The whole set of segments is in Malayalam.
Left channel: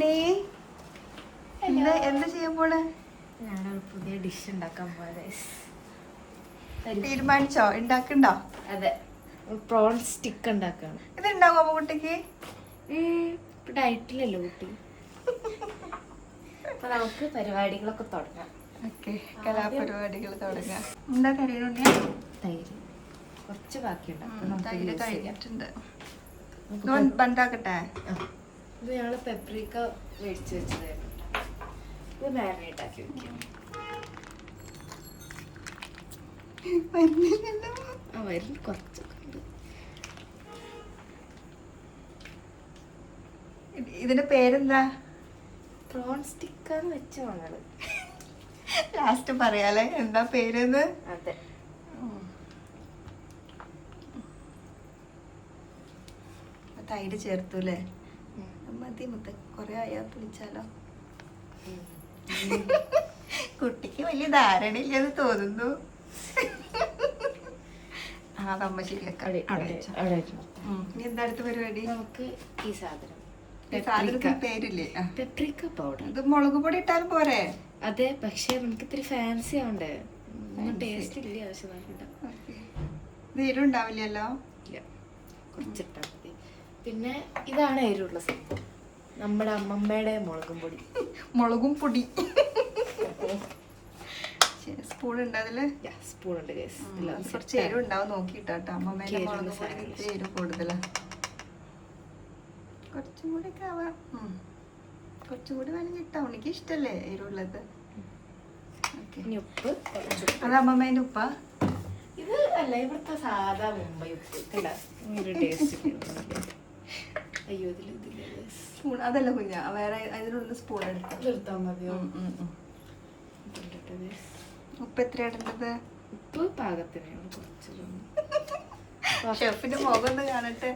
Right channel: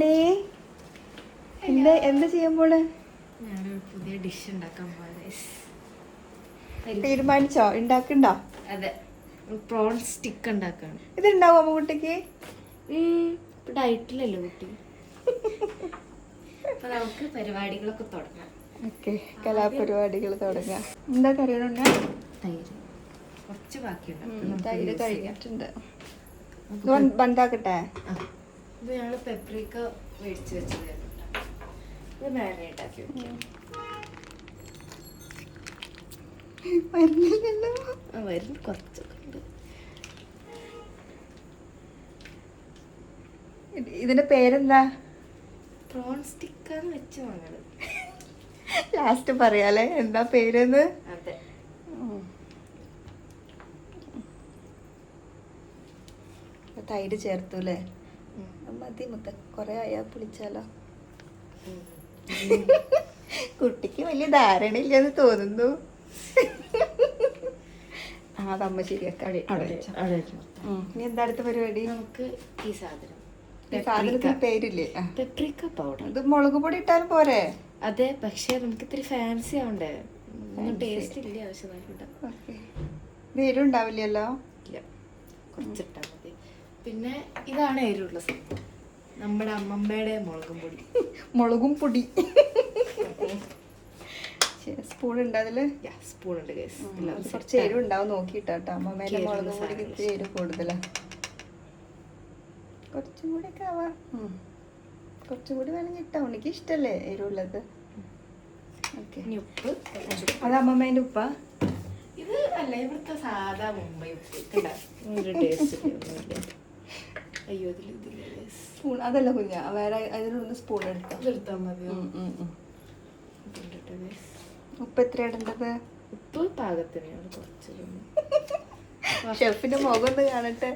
നീ എന്താ ചെയ്യാൻ പോണ്? ഞാനൊരു പുതിയ ഡിഷ് ഉണ്ടാക്കാൻ പോയത്. തീരുമാനിച്ചോ? ഉണ്ടാക്കണ്ടോ? അതെ, പ്രോൺ സ്റ്റിക്ക് ഉണ്ടാക്കാണ്. ഇത് ഉണ്ടാവും അമ്മ കുട്ടിക്ക്? ഡയറ്റിലല്ലോ കുട്ടി. അപ്പൊ നമുക്ക് പരിപാടികളൊക്കെ തുടങ്ങാം. കലാപരിപാടികൾ തുടങ്ങാം. എന്താ കറികളുണ്ട്? തൈര് കുറച്ച് ബാക്കിയുണ്ട്. തൈര് കഴിഞ്ഞിട്ടുണ്ട്. ബന്ധാക്കട്ടെ. ഇത് ഞങ്ങള് പെപ്രിക്ക മേടിച്ച് വെച്ചതായിരുന്നു. ഇത് മാരിനേറ്റ് ആക്കി വെക്കാം. വരുന്ന കുറച്ചൊക്കെ ഉണ്ട്. ഇതിന്റെ പേരെന്താ? പ്രോൺ സ്റ്റിക്കാന്ന് വെച്ച മകള്. ലാസ്റ്റ് പറയാലേ എന്താ പേരെന്ന്. അതെ, തൈര് ചേർത്തൂല്ലേ? മതി മുത്ത, കൊറേ ആയാ പുളിച്ചാലോ. കുട്ടിക്ക് വലിയ ധാരണയില്ലെന്ന് തോന്നുന്നു. അതമ്മ ശരിയാക്കാം. ഇനി എന്താ അടുത്ത പരിപാടി? നമുക്ക് ഈ സാധനം സാധനത്തിന് പേരില്ലേ? Paprika powder. ഇത് മുളക് പൊടി ഇട്ടാലും പോരെ? അതെ, പക്ഷെ നമുക്ക് ഇത്തിരി ഫാൻസി ആവണ്ടേ? ഒന്നും ടേസ്റ്റ് ഇല്ല. ആവശ്യമായിട്ട് ഇത് എരിവുണ്ടാവില്ലല്ലോ? ഇല്ല, കുറച്ചിട്ടാ മതി. പിന്നെ ഇതാണ് എരിവുള്ള സംഭവം, നമ്മുടെ അമ്മമ്മയുടെ മുളകും പൊടി. മുളകും പൊടി സ്പൂൺ ഉണ്ട് അതില്? സ്പൂൺ ഉണ്ട്. കുറച്ച് എരിവുണ്ടാവും നോക്കിട്ടാട്ടോ. അമ്മമ്മേടെ മുളകും പൊടി ഇത്തിരി എരിവ് കൂടുതലാ. കുറച്ചും കൂടി ഒക്കെ ആവാം. കുറച്ചും കൂടി വേണമെങ്കിൽ ഇട്ടാ. ഉണ്ണിക്ക് ഇഷ്ടല്ലേ എരിവുള്ളത്? ഉപ്പ്. അത് അമ്മമ്മേന്റെ ഉപ്പാ? ഇത് അല്ല, ഇവിടുത്തെ സാധാ മുംബൈ ഉപ്പ്. ഒരു ടേസ്റ്റ്. അയ്യോ, സ്പൂൺ അതല്ല കുഞ്ഞ, വേറെ അതിലൊന്ന് സ്പൂൺ എടുത്താൽ മതിയോ? ഉപ്പ് എത്ര ഇടേണ്ടത്? ഉപ്പ് പാകത്തിനാണ്. കുറച്ച് ഷെഫിന്റെ മുഖം ഒന്ന് കാണട്ടെ.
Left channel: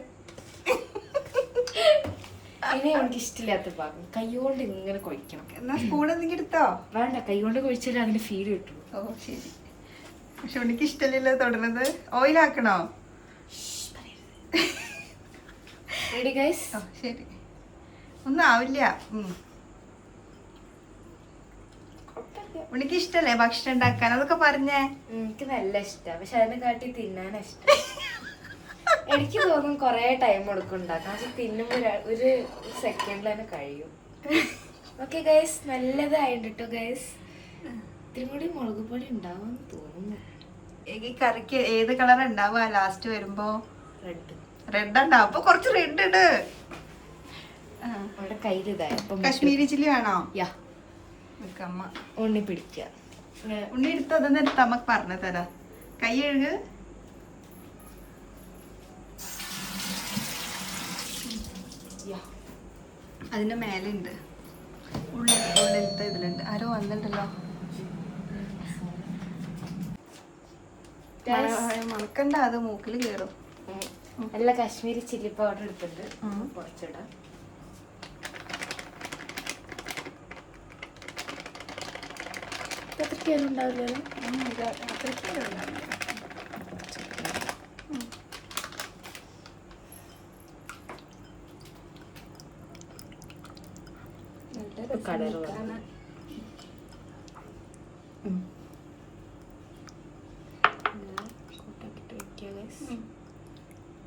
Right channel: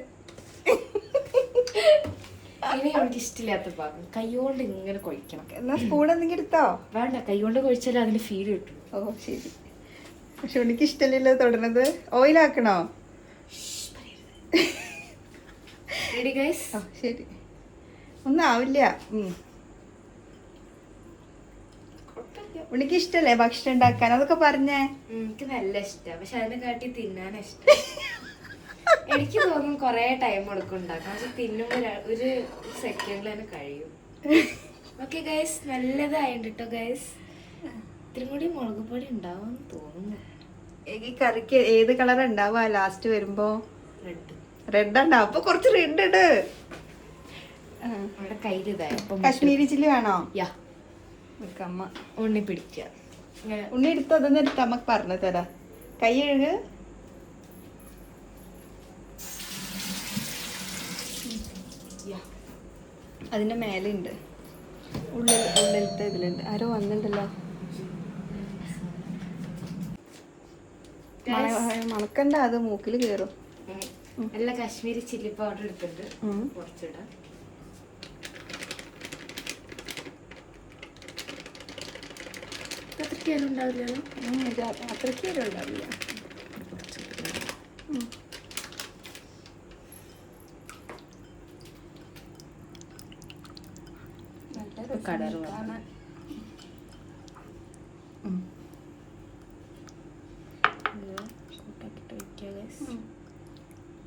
ഇനി അവർക്ക് ഇഷ്ടമില്ലാത്ത പാകം കൈകൊണ്ട് ഇങ്ങനെ കൊഴിക്കണം. എന്നാ സ്പൂൺ എന്തെങ്കിലും എടുത്തോ? വേണ്ട, കൈകൊണ്ട് കൊഴിച്ചാലേ അതിന്റെ ഫീൽ കിട്ടും. ഓ ശരി. പക്ഷെ ഉണ്ണിക്ക് ഇഷ്ടമില്ലല്ലോ തൊടുന്നത്. ഓയിലാക്കണോ? Ready guys? ശരി. ഒന്നും ആവില്ല. ഉണ്ണിക്ക് ഇഷ്ടല്ലേ ഭക്ഷണം ഉണ്ടാക്കാൻ? അതൊക്കെ പറഞ്ഞേ. എനിക്ക് നല്ല ഇഷ്ടമാണ്, പക്ഷെ അതിനെ കാട്ടി തിന്നാനാ ഇഷ്ടം. എനിക്ക് തോന്നും കൊറേ ടൈം എടുക്കും ഉണ്ടാക്കാൻ, പക്ഷെ തിന്നുമ്പോ ഒരു സെക്കൻഡിൽ തന്നെ കഴിയും. ഓക്കെ ഗൈസ്, നല്ലതായിട്ട് കേട്ടോ ഗൈസ്. ഇത്തിരി കൂടി മുളക് പൊടി ഉണ്ടാവും തോന്നുന്നു. ഈ കറിക്ക് ഏത് കളർ ഉണ്ടാവുക ലാസ്റ്റ് വരുമ്പോ? റെഡ് ഉണ്ടാവും. അപ്പൊ കുറച്ച് റെഡ് ഇട്. അവിടെ കയ്യിലിതാ. കാശ്മീരി ചില്ലി വേണോ? അമ്മ ഉണ്ണി പിടിക്ക. ഉണ്ണി എടുത്ത് അതൊന്നും എടുത്ത് അമ്മ പറഞ്ഞു തരാ. കൈ കഴുക്. അതിന്റെ മേലുണ്ട്, ഉള്ളിലത്തെ ഇതിലുണ്ട്. ആരോ വന്നിട്ടുണ്ടല്ലോ. മുളക്കണ്ട, അത് മൂക്കില് കേറും. നല്ല കാശ്മീരി ചില്ലി പൗഡർ എടുത്തിട്ട് കുറച്ചിടാം. അത്രയ്ക്ക് ഉണ്ടാവില്ലല്ലോ. അത്രയ്ക്ക് ഉണ്ടാവില്ല.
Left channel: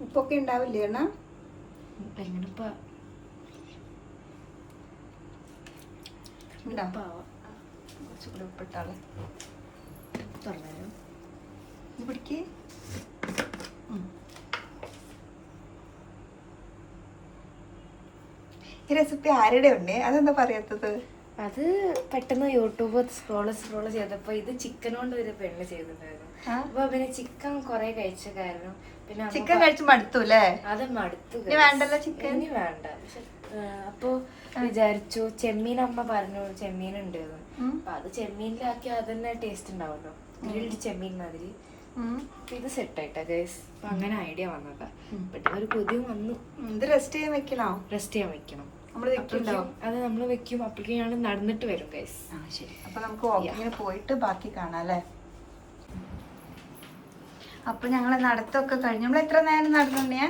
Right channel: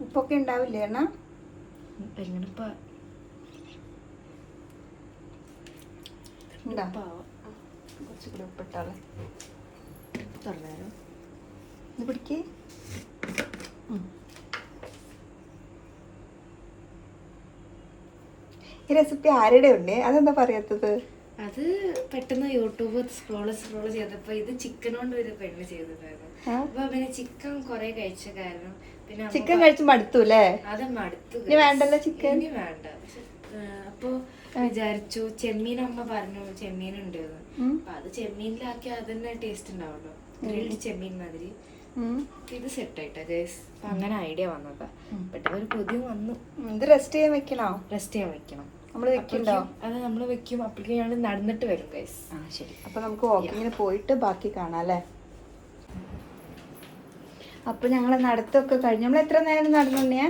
ഉപ്പൊക്കെ ഉണ്ടാവില്ലേ എണ്ണ? കുറച്ചുകൂടെ ഉപ്പിട്ടാളെ. പറഞ്ഞോ പിടിക്ക്. ഈ റെസിപ്പി ആരുടെ ഉണ്ട്? അതെന്താ പറയാത്തത്? അത് പെട്ടെന്ന് യൂട്യൂബ് സ്ക്രോള് ചെയ്തപ്പോ ഇത് ചിക്കൻ കൊണ്ട് ഒരു പെണ്ണ് ചെയ്തിട്ടുണ്ടായിരുന്നു. അപ്പൊ പിന്നെ ചിക്കൻ കൊറേ കഴിച്ച കാരണം പിന്നെ ചിക്കൻ കഴിച്ച് മടുത്തു അല്ലേ? അത് മടുത്തു. വേണ്ടല്ലോ ചിക്കൻ, ഇനി വേണ്ട. പക്ഷെ അപ്പൊ വിചാരിച്ചു, ചെമ്മീൻ അമ്മ പറഞ്ഞു ചെമ്മീൻ ഉണ്ട്. അപ്പൊ അത് ചെമ്മീനിലാക്കി അതന്നെ ടേസ്റ്റ് ഉണ്ടാവല്ലോ, ഗ്രിൽഡ് ചെമ്മീൻ മാതിരി. ഇത് സെറ്റ് ആയിട്ടാ ഗൈസ്. അപ്പൊ അങ്ങനെ ഐഡിയ വന്നതാ. പെട്ടെന്ന് ഒരു പുതിയ വന്നു. ഇത് റെസ്റ്റ് ചെയ്യാൻ വെക്കണോ? റെസ്റ്റ് ചെയ്യാൻ വെക്കണം. അത് നമ്മൾ വെക്കും. അപ്പോഴേക്കും ഞങ്ങൾ നടന്നിട്ട് വരും ഗൈസ്. ശരി. അപ്പൊ നമുക്ക് വാക്കിങ്ങിന് പോയിട്ട് ബാക്കി കാണാം അല്ലേ? അപ്പൊ ഞങ്ങള് നടത്തൊക്കെ കഴിഞ്ഞു. നമ്മൾ എത്ര നേരം നടന്നു?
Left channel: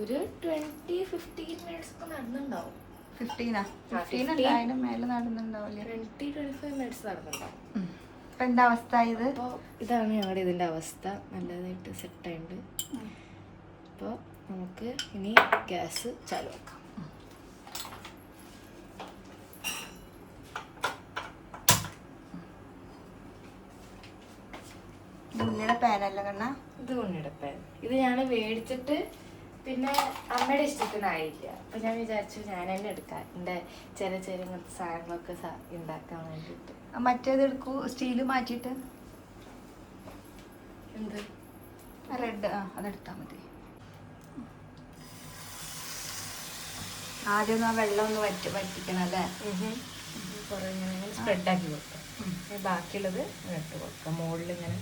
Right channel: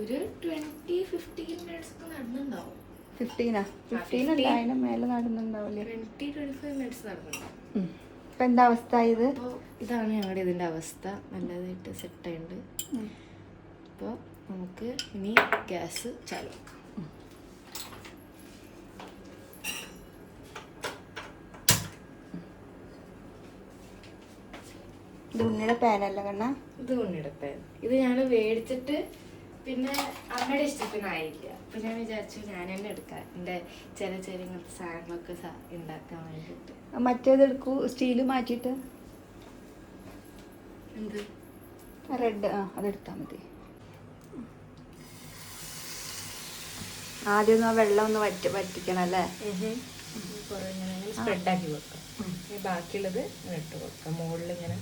ഒരു 20-15 മിനിറ്റ്സ് ഒക്കെ നടന്നുണ്ടാവും. 15 15 അതിന് മേലെ നടന്നുണ്ടാവില്ലേ? 20-25 മിനിറ്റ്സ് നടന്നുണ്ടാവും. ഇപ്പൊ എന്താ അവസ്ഥ ഇത്? അപ്പോൾ ഇതാണ് ഞങ്ങളുടെ ഇതിൻ്റെ അവസ്ഥ. നല്ലതായിട്ട് സെറ്റായിട്ടുണ്ട്. അപ്പോൾ നമുക്ക് ഇനി ഗ്യാസ് ചാലു ആക്കാം. ഉണ്ണിയുടെ പാനല്ല കണ്ണ? ഇത് ഉണ്ണിയുടെ പാൻ. ഇത് ഞാൻ മേടിച്ചിട്ട് പിന്നെ അമ്മയുടെ ഇഷ്ടത്തിനായില്ല. അപ്പം ഞാൻ വിചാരിച്ചു ഞാൻ തന്നെ എടുക്കാം, എൻ്റെ ചെറിയ ചെറിയ ഇങ്ങനത്തെ സാധനങ്ങളൊക്കെ ഉണ്ടാക്കാൻ വേണ്ടിയിട്ട്. മറ്റേത് എടുക്കൂ, സ്റ്റീല് മാറ്റിയിട്ട്. എന്ത് റെഡ്? അതെടുത്താൽ മതി. ആദ്യം വെള്ളം ഒന്ന് വറ്റിക്കണം അല്ലേ? കുറേ ഇങ്ങനെ സ്പ്രെഡാക്കി കൊടുക്കാം. ബാക്കിയുള്ളത് ഇങ്ങനെ ഇട്ട് കൊടുക്കാം മുകളിൽ ഇങ്ങനെ.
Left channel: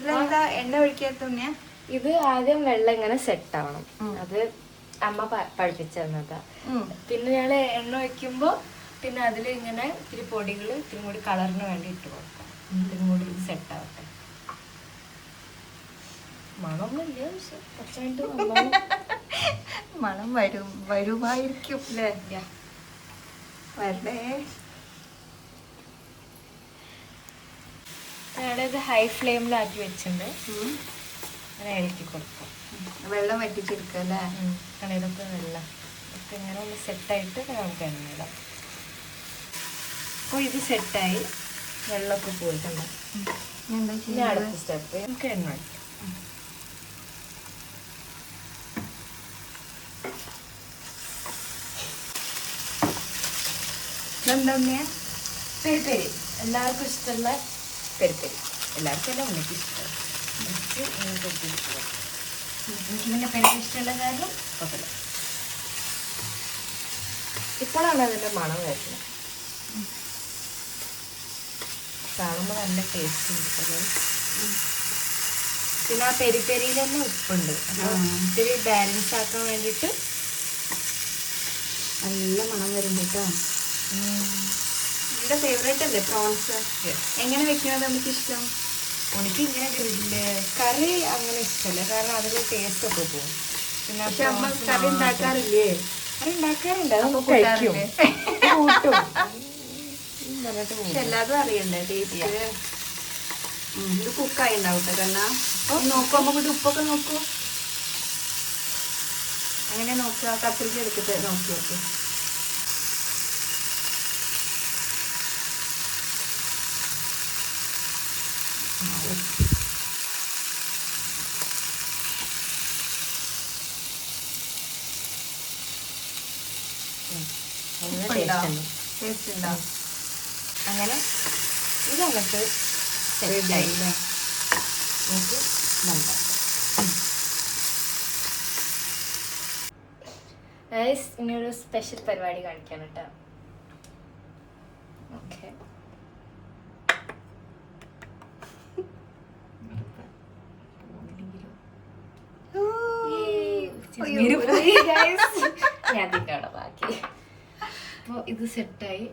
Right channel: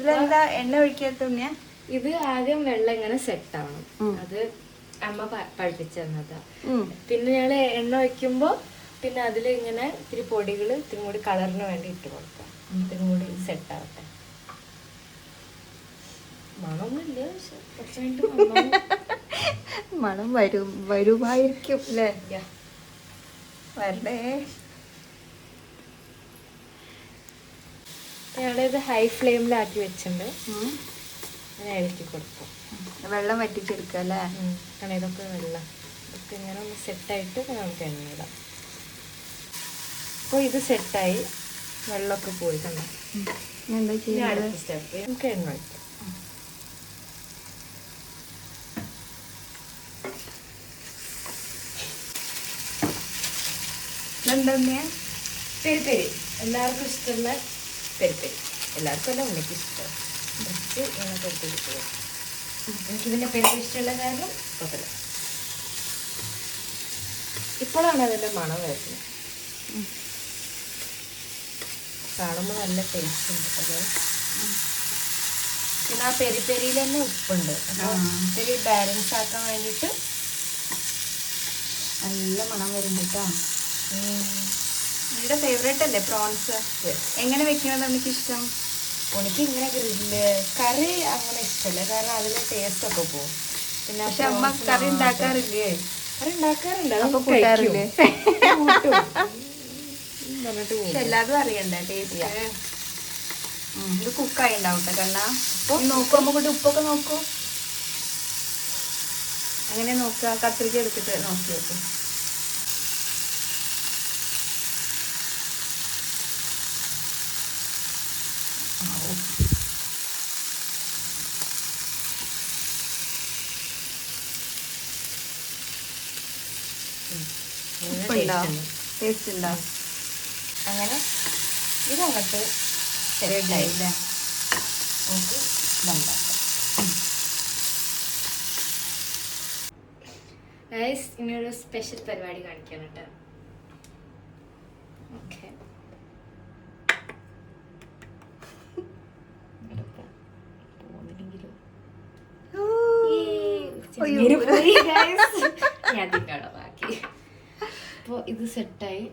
ഇതെന്താ എണ്ണ ഒഴിക്കാത്ത ഉണ്ണിയാ? ഇത് ആദ്യം വെള്ളം ഇങ്ങനെ സെറ്റ് ആവണം. അത് അമ്മ പഠിപ്പിച്ചു തന്നതാ. പിന്നെ ഞങ്ങള് എണ്ണ ഒഴിക്കുമ്പോ പിന്നെ അതിൽ ഇങ്ങനെ ഇത്തിരി പൊടികൾ ഇത്തിരി കൂടി കളറിന് വേണ്ടി ഇട്ട് കൊടുക്കാം. ഇത്തിരി കൂടി സെറ്റ് ആവട്ടെ. മണമൊന്നുമില്ല, പക്ഷെ കുറച്ച് കഴിഞ്ഞിട്ട് മണം വരുമായിരിക്കും അല്ലേ? വരണ്ടേ. ഞങ്ങളിത് ഹൈ ഫ്ലെയിമിലാക്കി വെച്ചിട്ടുണ്ട്. അങ്ങനെ ഇളക്കി കൊടുക്കാം. വെള്ളം വറ്റിച്ചെടുക്കുക അല്ലേ? കടയിലൊക്കെ വെള്ളം ഒക്കെ ഇങ്ങനെ ഒന്ന് സെറ്റായിട്ട് നമുക്ക് എണ്ണ ഇടാം. അപ്പോൾ ഇത് സെറ്റായി, വെള്ളമൊക്കെ പോയി കണ്ട. ഇനി അടുത്ത സ്റ്റെപ്പ് നമുക്ക് എണ്ണ വയ്ക്കാം. പെരി പെരി എല്ലാവർക്കും ഇഷ്ടമുള്ള പെരി പെരി. എല്ലാവർക്കും അല്ല, ഉണ്ണിക്ക് ഇഷ്ടം. എനിക്ക് ഇങ്ങനെ പെരി പെരി ഇഷ്ടം. എനിക്കിതിൻ്റെ പെരി ഇഷ്ടമുള്ള കാരണം കുഴപ്പമില്ല. ഇപ്പോഴാണ് അതിൻ്റെ മണം വരുന്നത്. കാണുമ്പോൾ നല്ല ടേസ്റ്റ് ഉണ്ട്. അത് പിന്നെ ആ പെരി പെരിയിൽ തന്നെ ഉപ്പുണ്ട്. ഇത്തിരി ബാലൻസ് ആക്കാൻ വേണ്ടിയിട്ട് നല്ല മണം വരും കേട്ടോ. എൻ്റെ ഫേവറേറ്റ് അല്ലേ പ്രോൺസ്? എങ്ങനെ വെക്കുന്നത് നമുക്ക് ഇഷ്ടം? എനിക്ക് ഇങ്ങനെ ഗ്രില്ല് കറി അങ്ങനെ ഇഷ്ടമല്ല, കാരണം അതിൽ ടേസ്റ്റ് ഒക്കെ പോകും. പിന്നെ പക്ഷെ അമ്മ കറി ഉണ്ടാക്കാറില്ലേ? കറി ഉണ്ടാക്കാറുണ്ട്, അതൊന്നും കഴിക്കും, കൂട്ടും പറഞ്ഞിട്ട് പോകും. എല്ലാതും അറിയണ്ടേ ടേസ്റ്റ്? ഇത് കുക്കായി ഉണ്ടാവട്ടെ കണ്ണാ. അപ്പം നോക്കൂ, അമ്മ കൂടി ഉപ്പൊക്കെ നോക്കൂ. അങ്ങനെ നോക്കുക, കത്തിരിക്ക എടുത്തിട്ട് നോക്കി നോക്കൂ. ടേസ്റ്റ് ഉണ്ടോ? അങ്ങനെ ഇതങ്ങോട്ട് സെറ്റായില്ല. ഇനിയൊരു സ്പെഷ്യൽ പരിപാടി കാണിക്കാൻ കേട്ടോ. ഓക്കെ, ഞാൻ തിന്നോളാം ബാക്കി. അപ്പോൾ ഇത് സെറ്റായി.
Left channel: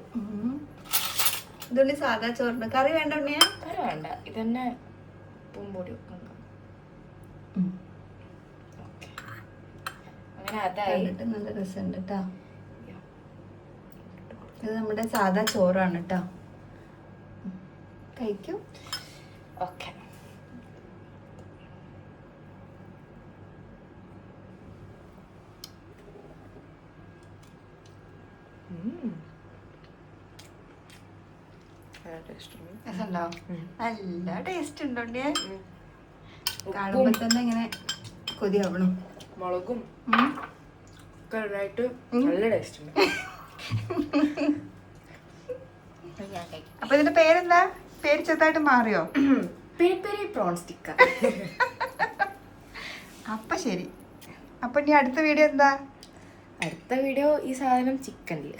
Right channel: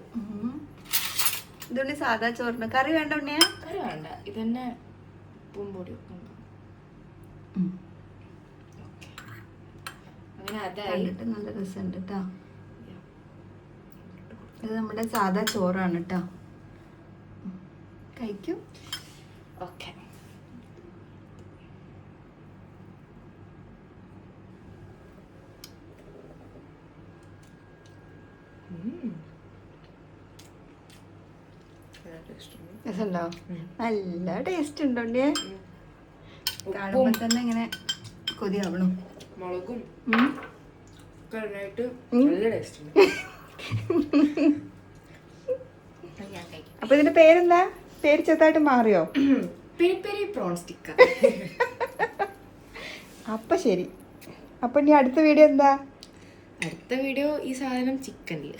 ഇതുള്ളി സാധാ ചോറിന് കറി വേണ്ട ഉണ്ണിയാ? കറി വേണ്ട, ഇതന്നെ ഉപ്പും പൊടി ഒക്കെ ഉണ്ട്. അങ്ങനെ അതായി. നല്ല രസമുണ്ട് കേട്ടോ. ഇത് നമ്മുടെ സാധാ ചോറാണ് കേട്ടോ. കഴിക്കും. ഓക്കെ, നല്ല ടേസ്റ്റ് ഉണ്ടോ? കാണുമ്പോൾ തന്നെ ഇങ്ങനെ കൊതിയാവണം. മുളകും ഒക്കെ നല്ല ടേസ്റ്റ് ഉണ്ട്. ഞാൻ കഴിക്കും. അപ്പൊ ഇതിന്റെ പേരെന്താ? പേര് ചെറുതായിട്ട് മാറിയോ? Peri peri prawn sticker. അപ്പൊ ശരി. അപ്പൊ ഇനി അടുത്ത വീഡിയോ എന്താ? അടുത്ത വീഡിയോ ഈ സാധനം ചിക്കനില്.